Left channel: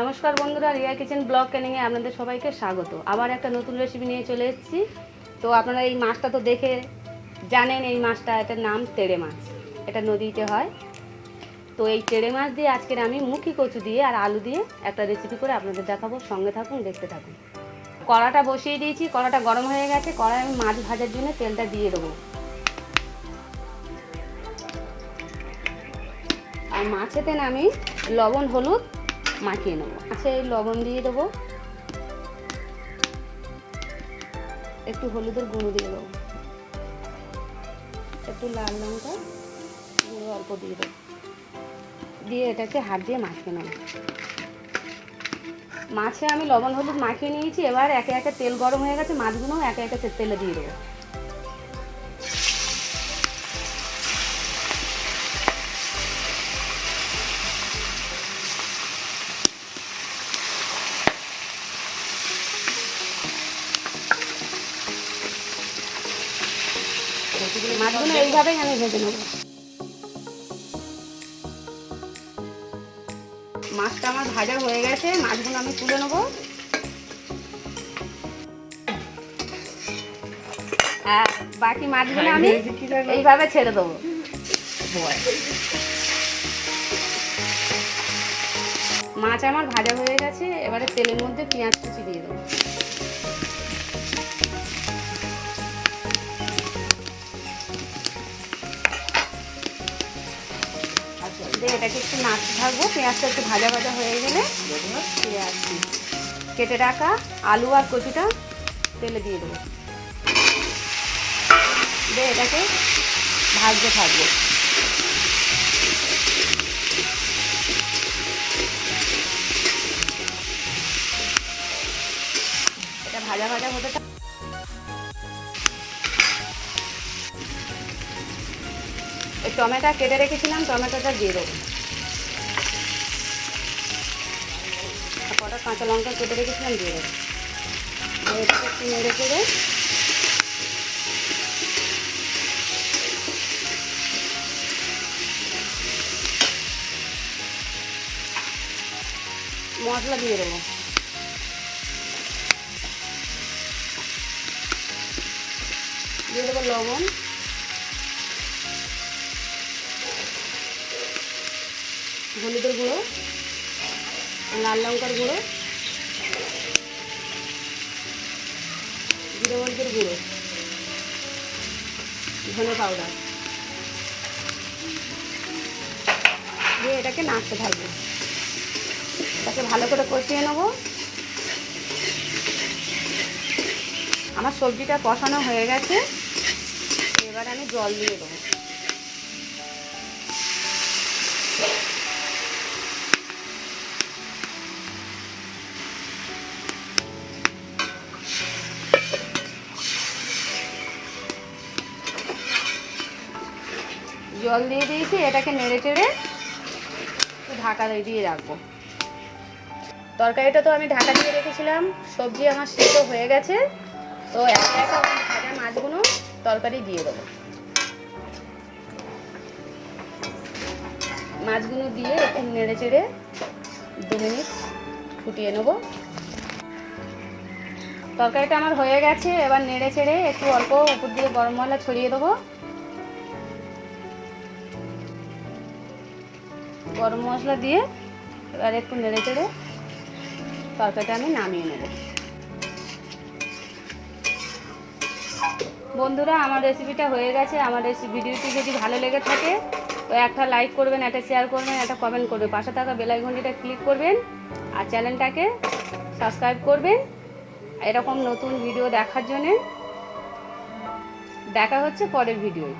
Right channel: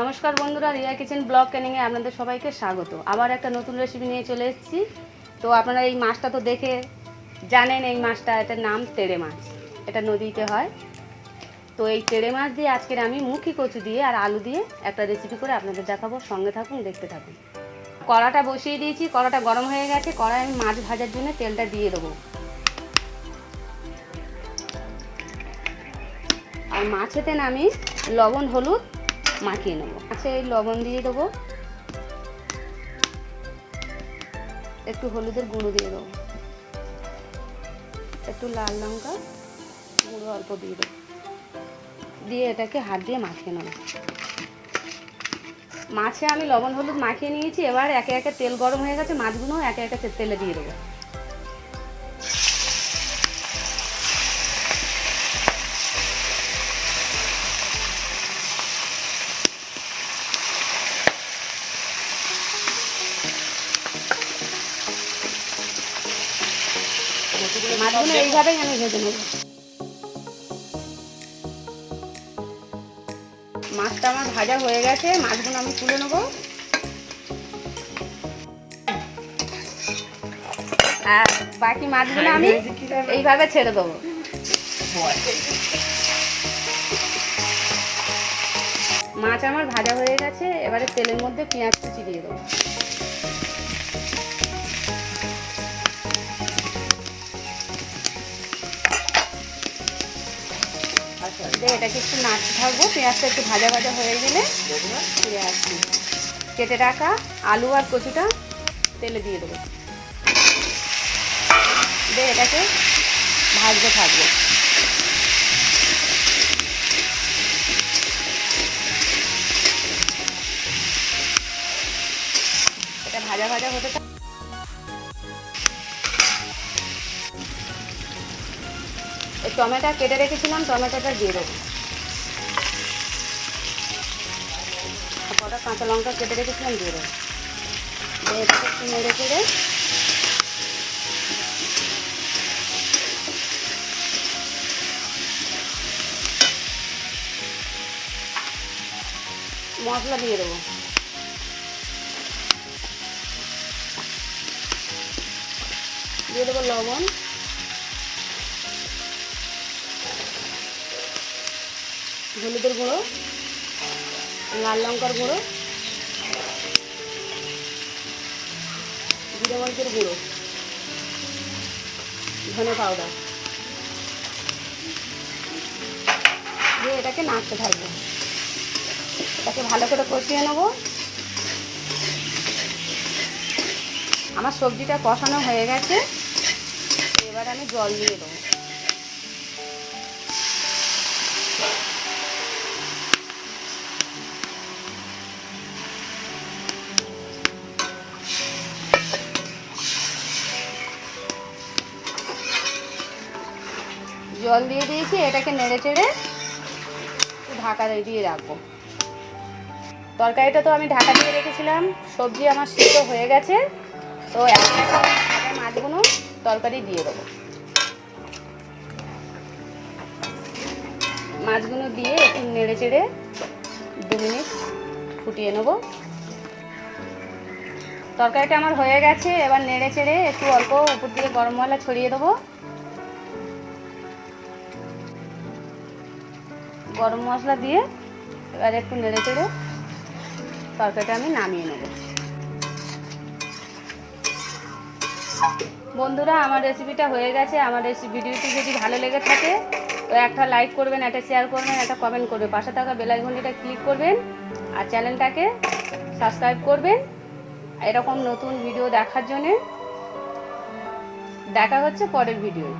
নমস্কার বন্ধুরা, Riya kitchen blog ক্যানিংয়ে আপনাদের সবাইকে স্বাগত। আবার একটা নতুন রেসিপি নিয়ে চলে এসেছি। তো আপনারা এই মাছটা তো দেখে জানেন, এই মাছটা, এটার নাম তেড়ে মাছ। এটা নদীতে হয়। তো এই তেড়ে মাছ দিয়ে আজকের আমি মুখি কচু দিয়ে আর আলু দিয়ে একটা রেসিপি করে আপনাদের দেখাবো। সঙ্গে থাকুন, দেখতে থাকুন। কড়াটা বসিয়ে দিয়েছি, কড়াটা গরম হয়ে গেছে। কড়ায় আমি মাছ ভাজার জন্য তেলটা দিয়ে দেবো। আর মাছেতে আমি লবণ হলুদ মাখিয়ে নেবো। আচ্ছা, এই লবণ দিয়ে দেবো, একটু হলুদের গুঁড়ো দিয়ে দেবো, একটু লাল লঙ্কা গুঁড়ো অল্প দিয়ে দেবো, দিয়ে এটাকে হাত দিয়ে মাখিয়ে নেবো। মাছে আমি লবণ হলুদ মাখিয়ে নিয়েছি। এবার একে একে তেল গরম হয়ে গেছে, মাছগুলো একে একে তেলে দিয়ে দেবো। মাছগুলো এইভাবেই আমি ভেজে নেব। মাছটা আমার ভাজা হয়ে গেছে, মাছগুলো আমি তুলে নেব। আর বাকি মাছগুলো আমি এইভাবে ছেড়ে দেবো। মাছ আমার ভাজা হয়ে গেছে। এবারে তেলের মধ্যে পেঁয়াজ কুচি দিয়ে দেবো। এটাকে একটু নাড়তে থাকবো। পেঁয়াজটা একটু ভাজা ভাজা হয়ে গেলে পেঁয়াজ কেটে রাখা আলু আর কচুটা তেলে দিয়ে দেবো। এটাকে ভাজতে থাকবো। এটা ভাজা ভাজা হতে এই টমেটো কেটে রেখেছিলাম, টমেটোটা দিয়ে দেবো। কটা কাঁচা লঙ্কা কেটে রেখেছিলাম দিয়ে দেবো। এটাকে একটু নেড়ে চেড়ে মশলা দিয়ে দেবো। দিয়ে দেবো লবণ, হলুদের গুঁড়ো, লাল লঙ্কার গুঁড়ো, জিরে মরিচের গুঁড়ো, ধনে পাউডার দিয়ে এটাকে নাড়তে থাকবো। এটাকে ভালো করে কষিয়ে নেব। আমার সবজিটা কষানো হয়ে গেছে। এবার আমি জল দিয়ে দেবো। জল দিয়ে দিয়েছি। এটাকে নেড়ে চেড়ে একটু ঢাকা দিয়ে রাখবো। তরকারিটা তো আমি ঢাকা দিয়ে রেখেছিলাম। সবজি আমার সিদ্ধ হয়ে গেছে। তো একে একে ভাজা মাছগুলো তরকারি দিয়ে দেবো। মাছগুলো দিয়ে একটু নেড়ে চেড়ে 2 মিনিট ফুটিয়ে নেব। তরকারিটা আমার হয়ে গেছে। এবার নেড়ে চেড়ে একটু অল্প উপর দিয়ে গরম মশলা ছড়িয়ে দেবো। গরম মশলা দিয়ে এবার একটু নেড়ে চেড়ে তরকারিটা আমি নামিয়ে নেব। বন্ধুরা, আমার রেসিপিটা হয়ে গেছে। আমার ভিডিওটি যদি ভালো লেগে থাকে তো একটা লাইক করবেন, একটা শেয়ার করবেন, একটা কমেন্ট করবেন, পাশে থাকা বেল আইকনটা ক্লিক করবেন আর চ্যানেলটাকে সাবস্ক্রাইব করবেন এরকম নতুন ভিডিও দেখার জন্যে। দেখা হচ্ছে পরের ভিডিওয়।